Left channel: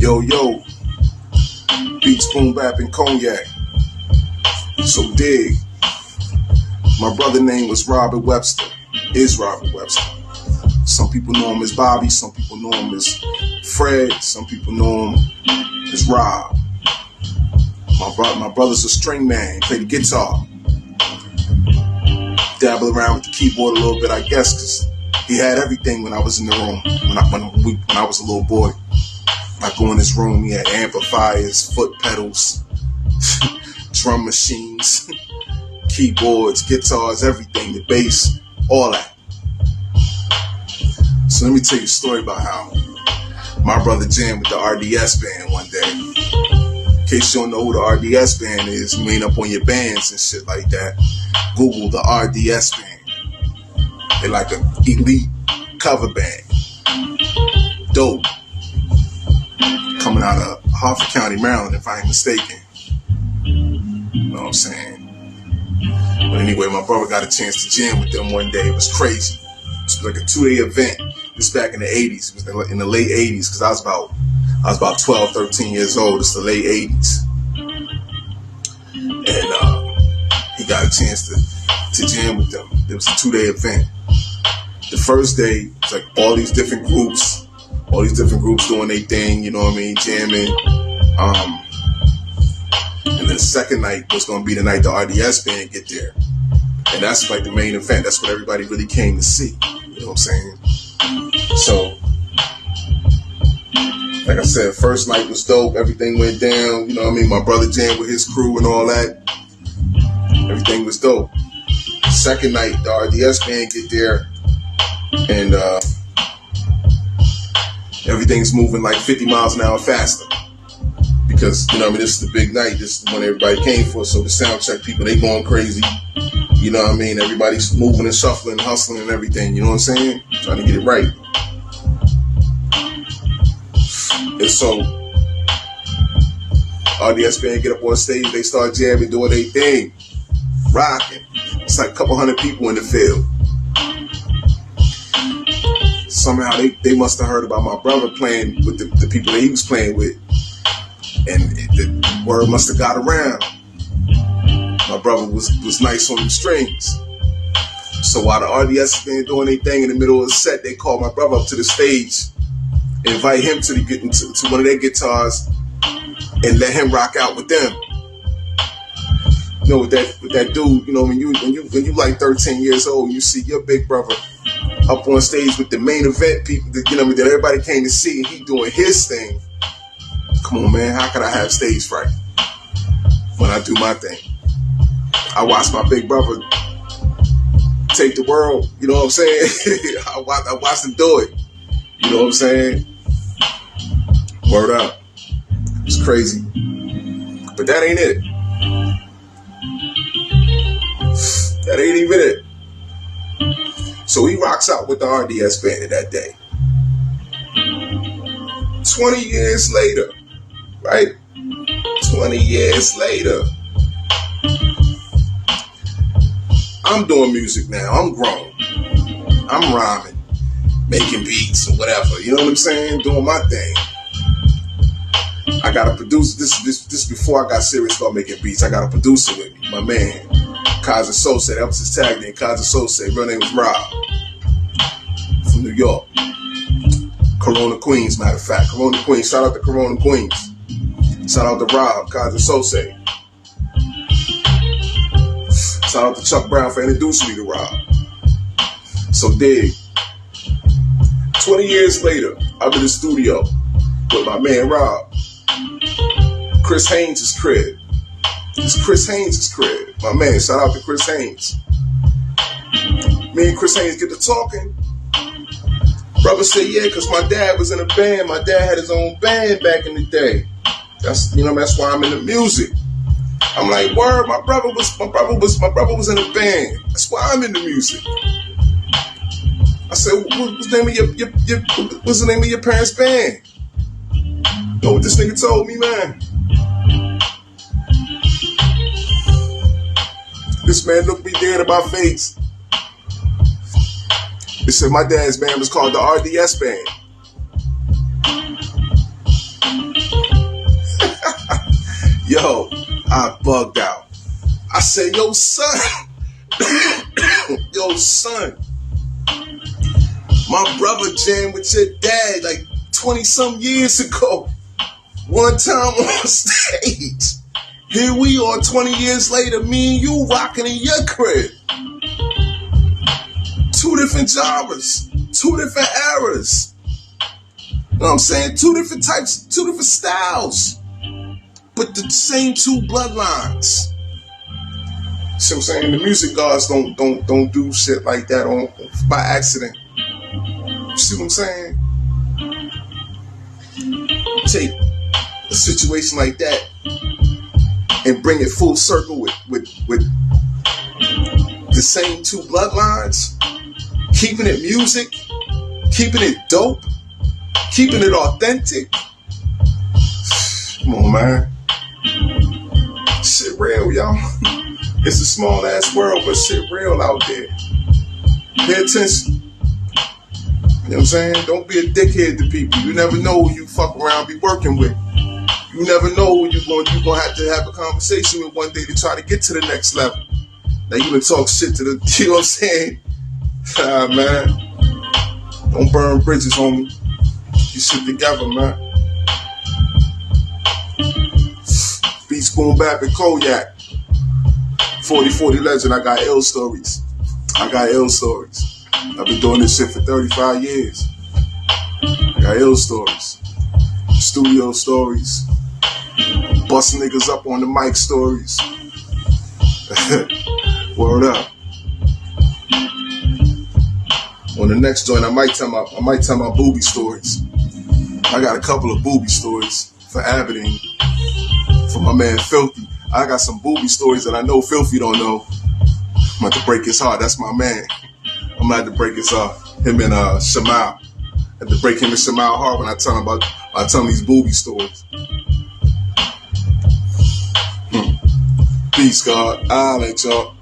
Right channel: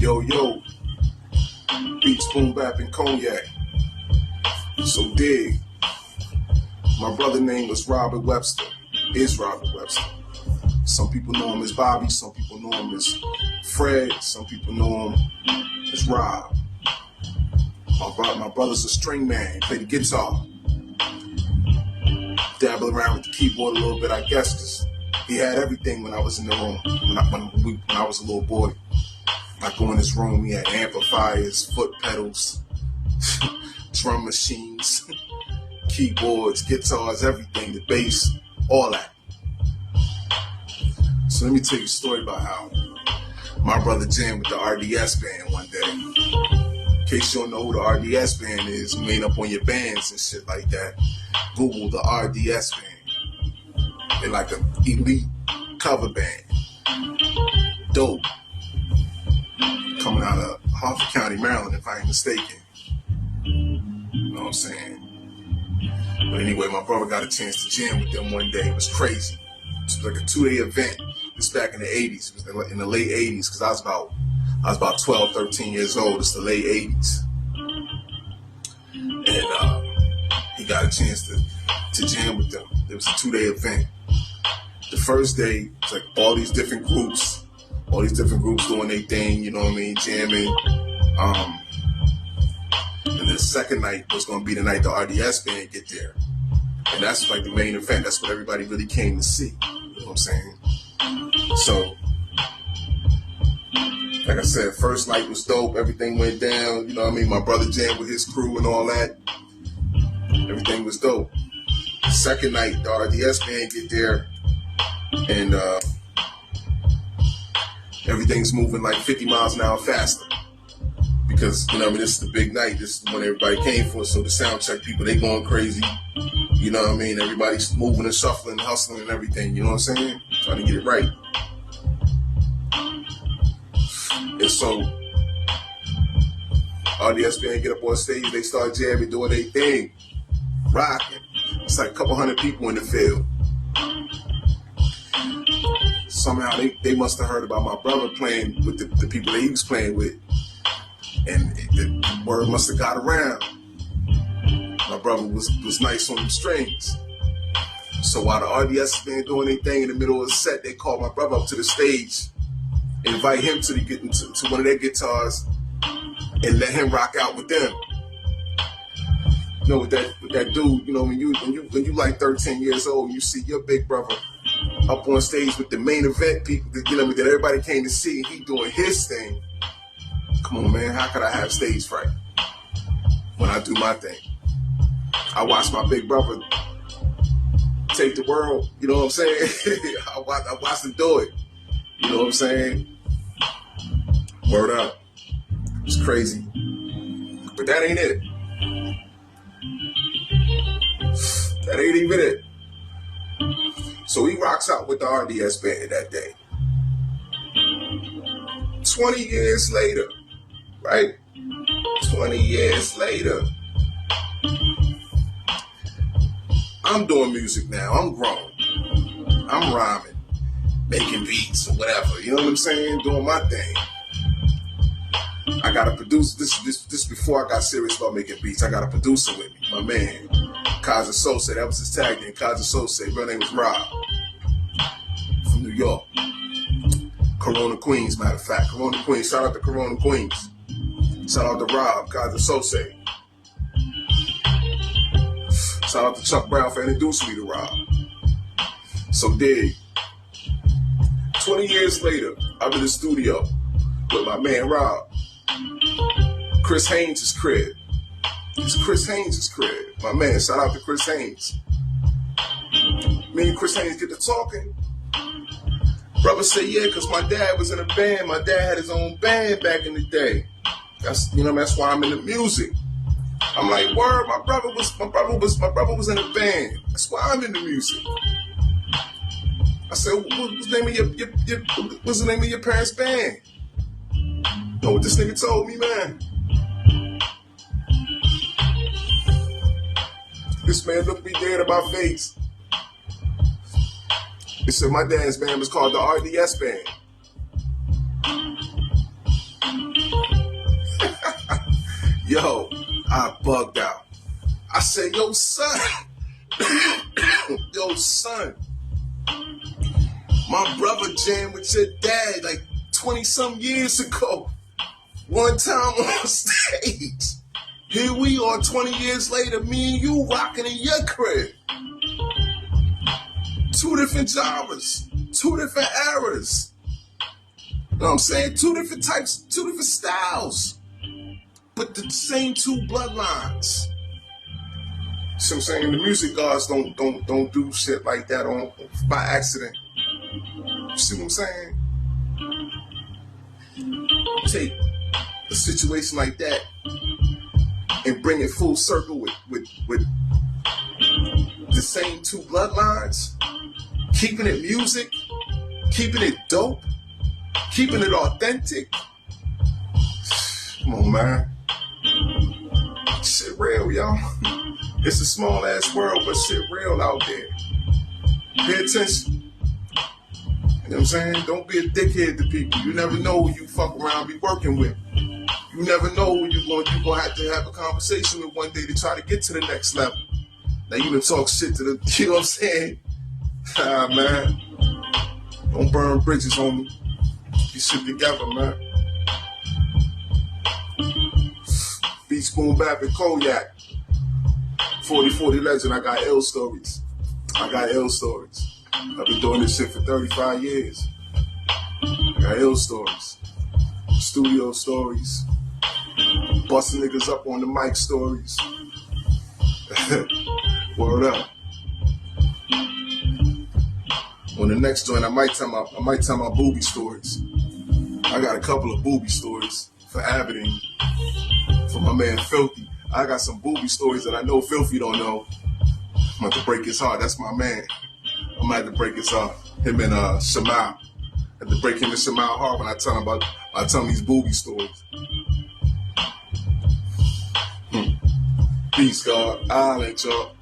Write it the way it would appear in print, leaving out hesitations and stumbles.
Yo, beats, BoomBap, and Cognac. So dig. My brother name was Robert Webster. Is Robert Webster. Some people know him as Bobby. Some people know him as Fred. Some people know him as Rob. My brother's a string man. He played the guitar. Dabble around with the keyboard a little bit, I guess, because he had everything when I was in the room. When I was a little boy. I go in his room, he had amplifiers, foot pedals, drum machines, keyboards, guitars, everything, the bass, all that. So let me tell you a story about how my brother jammed with the RDS band one day. In case you don't know who the RDS band is, you ain't up on your bands and shit like that, Google the RDS band. They're like an elite cover band. Dope. Coming out of Harford County, Maryland, if I ain't mistaken. You know what I'm saying? But anyway, my brother got a chance to jam with them one day. It was crazy. It was like a 2-day event. This back in the 80s. It was in the late 80s because I was about 12, 13 years old. It's the late 80s. And he got a chance to jam with them. It was a 2-day event. The first day, it's like all these different groups doing their thing, you know what I mean, jamming. And then the second night was going to be the night the RDS band get there. And that's like the main event. That's what everybody really came to see. You know what I'm saying? So, like I said, first night was dope. Everything went down. You know what I mean? My brother jammed with his crew and all that. Everything was dope. Second night, the RDS band get there. And, everything's moving like 50 miles an hour faster because, you know what I mean, this is the big night. This is the one everybody came for. So the sound check people, they going crazy. You know what I mean? Everybody's moving and shuffling, hustling and everything. You know what I'm saying? Trying to get it right. And so RDS band get up on stage. They start jamming, doing their thing, rocking. It's like a couple hundred people in the field. Somehow they must have heard about my brother playing with the people that he was playing with. And the word must have got around. My brother was nice on them strings. So while the RDS band doing their thing in the middle of the set, they called my brother up to the stage, invite him to one of their guitars, and let him rock out with them. You know, with that dude, you know, when you like 13 years old, you see your big brother up on stage with the main event people, you know, that everybody came to see, and he doing his thing. Come on, man, how could I have stage fright when I do my thing? I watched my big brother take the world, you know what I'm saying? I watched him do it, you know what I'm saying? Word up. It's crazy. But that ain't it. That ain't even it. So he rocks out with the RDS band that day. 20 years later, right? 20 years later, I'm doing music now. I'm grown. I'm rhyming, making beats or whatever. You know what I'm saying? Doing my thing. I got a producer. This before I got serious about making beats. I got a producer with me, my man. Kaza Sose, that was his tag name, Kaza Sose. Real name was Rob. From New York. Corona, Queens, matter of fact. Corona, Queens. Shout out to Corona, Queens. Shout out to Rob, Kaza Sose. Shout out to Chuck Brown for introducing me to Rob. So dig. 20 years later, I'm in the studio with my man Rob. Chris Haynes' crib. It's Chris Haynes' crib. My man, shout out to Chris Haynes. Me and Chris Haynes get to talking. Brother said, yeah, because my dad was in a band. My dad had his own band back in the day. That's why I'm in the music. I'm like, word, my brother was in a band. That's why I'm in the music. I said, what's the name of your parents' band? You know what this nigga told me, man? This man looked me dead in my face. He said my dad's band was called the RDS band. Yo, I bugged out. I said, yo, son. Yo, son. My brother jammed with your dad like 20-some years ago. One time on stage. Here we are 20 years later, me and you rocking in your crib. 2 different genres, 2 different eras. You know what I'm saying? 2 different types, 2 different styles. But the same 2 bloodlines. See what I'm saying? The music gods don't do shit like that by accident. You see what I'm saying? Take a situation like that and bring it full circle with the same 2 bloodlines, keeping it music, keeping it dope, keeping it authentic. Come on, man. Shit real, y'all. It's a small ass world, but shit real out there. Pay attention. You know what I'm saying? Don't be a dickhead to people. You never know who you fuck around be working with. You never know who you're gonna have to have a conversation with one day to try to get to the next level. Now you can talk shit to the, you know what I'm saying? Man. Don't burn bridges, homie. You shit together, man. Beats, BoomBap, and Cognac. 40-40 legend, I got ill stories. I've been doing this shit for 35 years. I got ill stories. Studio stories. Busting niggas up on the mic stories. Word up. On the next joint, I might tell my booby stories. I got a couple of booby stories for Aberdeen. For my man Filthy. I got some booby stories that I know Filthy don't know. I'm about to break his heart. That's my man. I'm gonna have to break his heart. Him and Shamal. I have to break him and Shamal heart when I tell him these booby stories. Peace, God. I'll let y'all.